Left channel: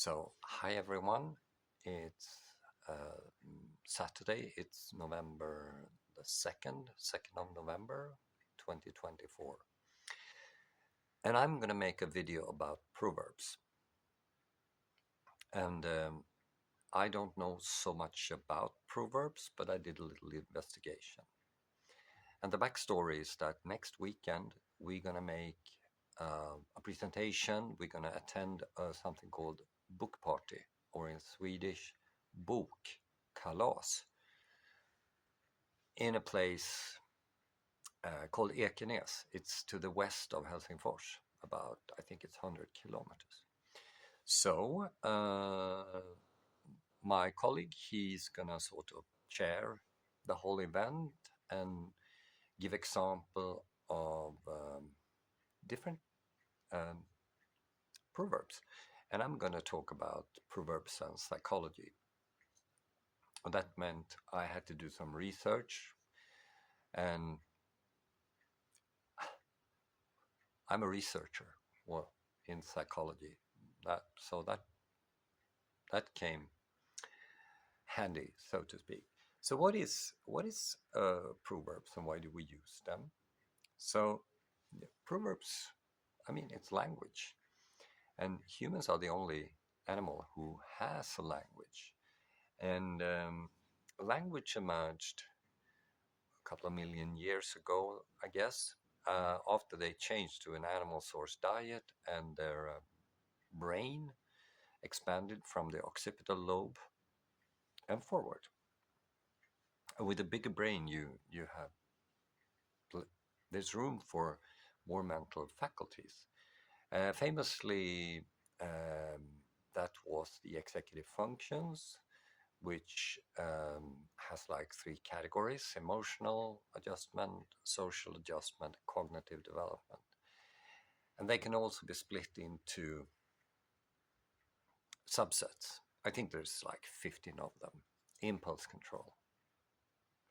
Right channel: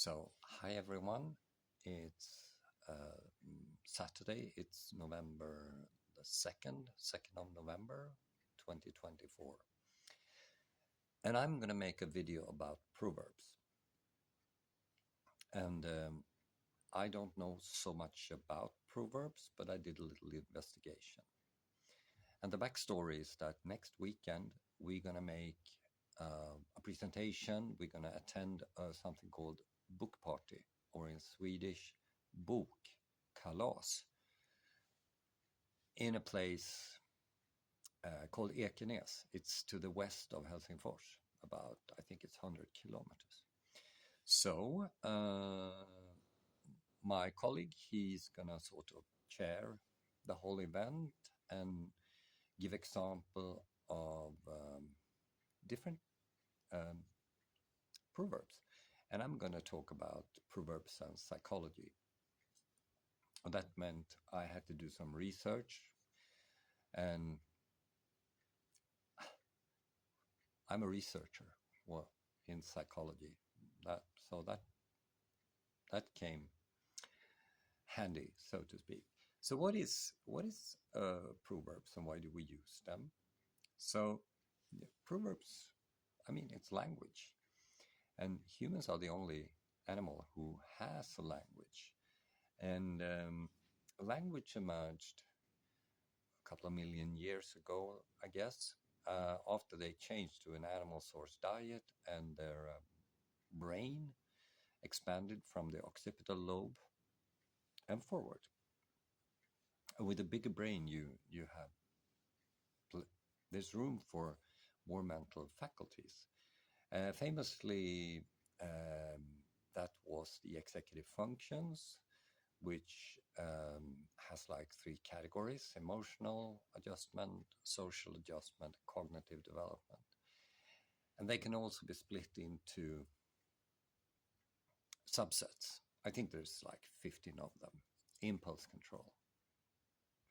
So, hi everyone. It's Saturday. It's November the 2nd of November, 2024. And I'm going to make a video about proverbs. And I don't know so much about proverbs, but I did a little investigation. And the backstory is that next weekend we're going to make a presentation. We're going to attend something called book party, or in Swedish, bokkalas, in a place called Ekenäs. It's to the west of Helsingfors, about, I think it's 100 kilometers. So my colleague, he's going to sort of chair the whole event and give example of different proverbs. And I'm going to talk about proverbs and psychology. And that meant I had to do some research, and I'm a researcher, well, in psychology. That came handy, so to speak. So what is proverbs, and why do we use them? So proverbs, I mean, it's language, and humans are the only animal who has a language. And language emerged a couple of million years ago, I guess, after they changed to an animal source diet, and their brain expanded from the occipital lobe and forward. And with a bigger brain, you have there's room for more mental faculties. Famously, that was the executive functions, which has like three categories: emotional adjustment, social adjustment, cognitive development. And they can also be split into subsets. I think there's like 15 of them: impulse control,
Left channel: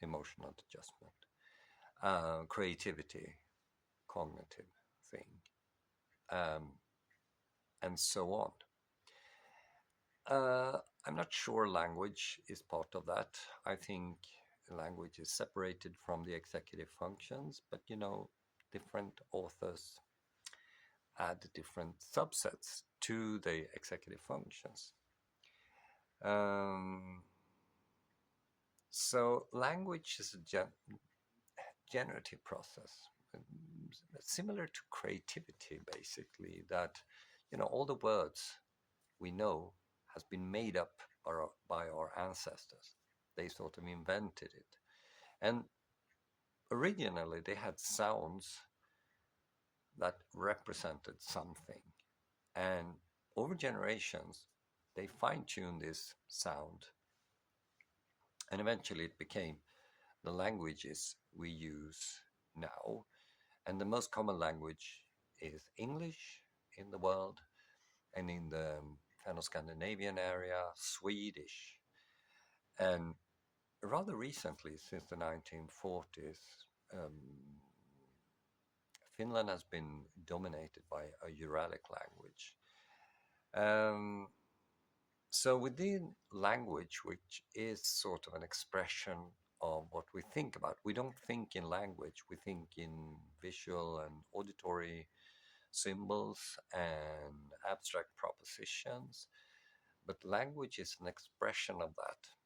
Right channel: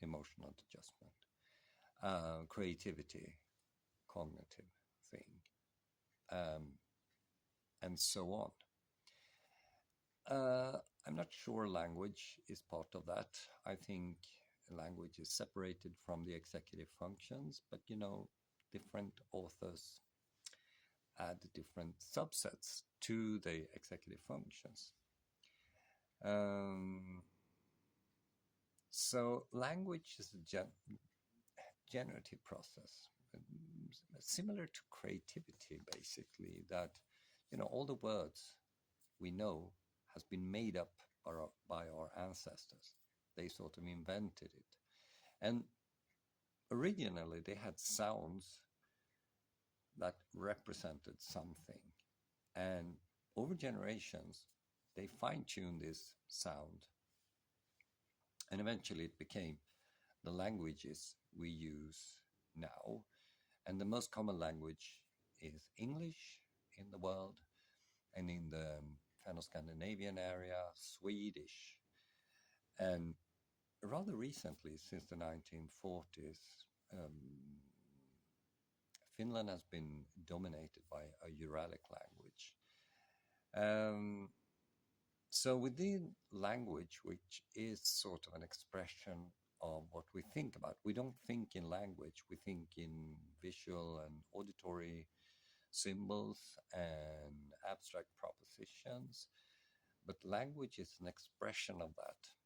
emotional adjustment, creativity, cognitive thing, and so on. I'm not sure language is part of that. I think language is separated from the executive functions, but different authors add different subsets to the executive functions. So language is a generative process, similar to creativity, basically, that all the words we know has been made up by our ancestors. They sort of invented it. And originally they had sounds that represented something. And over generations, they fine-tuned this sound. And eventually it became the languages we use now. And the most common language is English in the world, and in the Finno-Scandinavian area, Swedish. And rather recently, since the 1940s, Finland has been dominated by a Uralic language. So within language, which is sort of an expression of what we think about, we don't think in language, we think in visual and auditory symbols and abstract propositions, but language is an expression of that.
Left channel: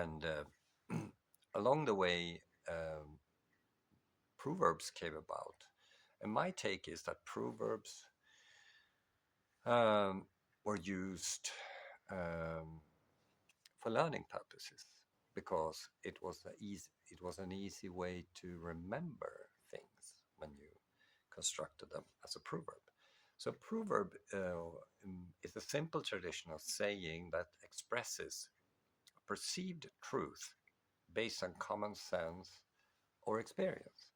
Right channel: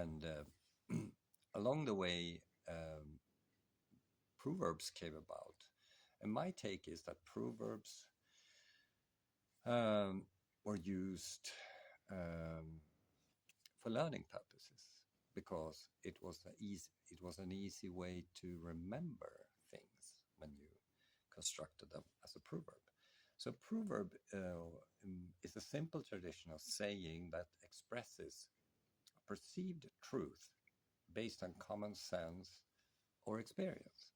And along the way, proverbs came about. And my take is that proverbs were used for learning purposes, because it was an easy way to remember things when you constructed them as a proverb. So proverb is a simple traditional saying that expresses perceived truth based on common sense or experience.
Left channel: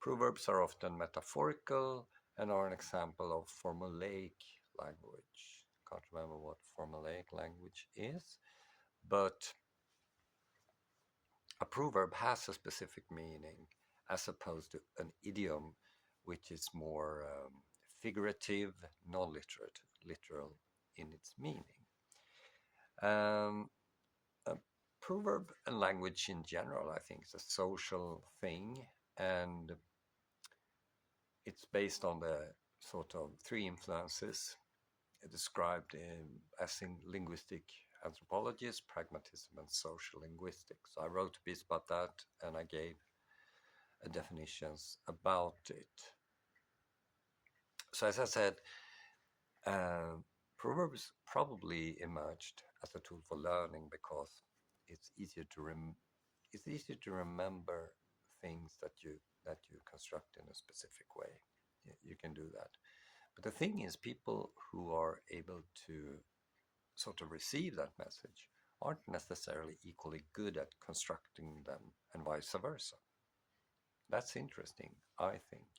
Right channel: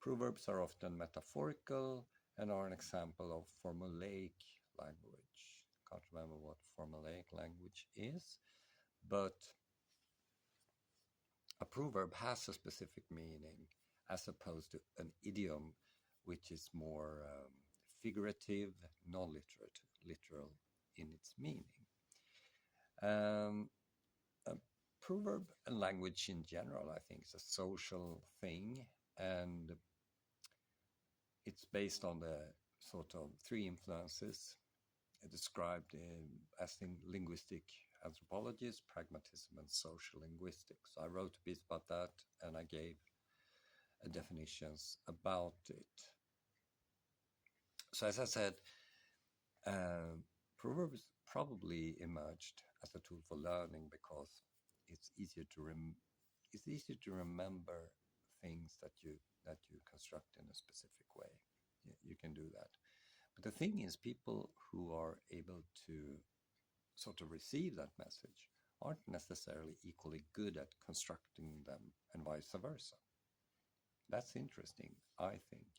Proverbs are often metaphorical and are an example of formulaic language. Can't remember what formulaic language is, but a proverb has a specific meaning as opposed to an idiom, which is more figurative, non-literate literal in its meaning. Um, a proverb and language in general, I think, is a social thing, and it's based on the sort of three influences described as in linguistic anthropologists, pragmatism, and social linguistics. So I wrote a piece about that, and I gave definitions about it. So as I said, uh, proverbs probably emerged as a tool for learning because it's easier to remember things that you construct in a specific way. You can do that. But the thing is, people who are able to sort of receive that message aren't necessarily equally good at constructing them, and vice versa. That's interesting, I think.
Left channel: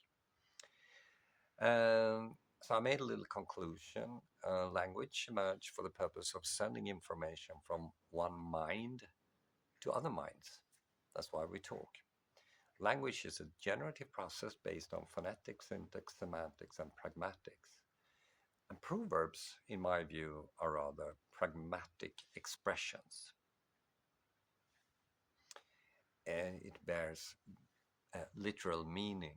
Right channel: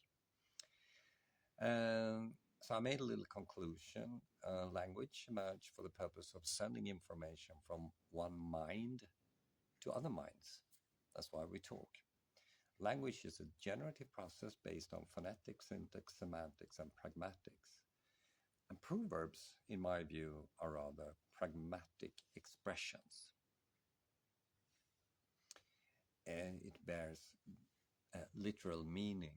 So I made a little conclusion. Language emerged for the purpose of sending information from one mind to other minds. That's why we talk. Language is a generative process based on phonetics, syntax, semantics, and pragmatics. And proverbs, in my view, are rather pragmatic expressions. And it bears literal meaning.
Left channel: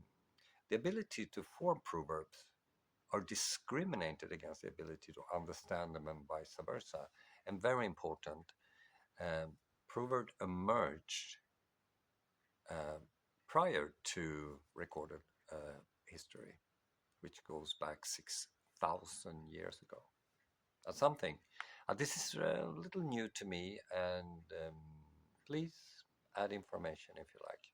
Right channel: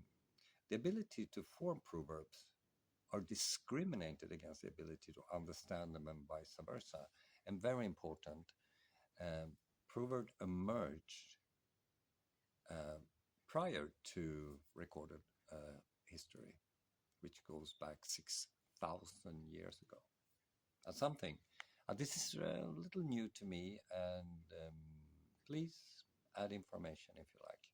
The ability to form proverbs are discriminated against the ability to understand them and vice versa. And very important, proverb emerged uh, prior to recorded history, which goes back 6,000 years ago. That's something. This is a little new to me, and please add information if you like.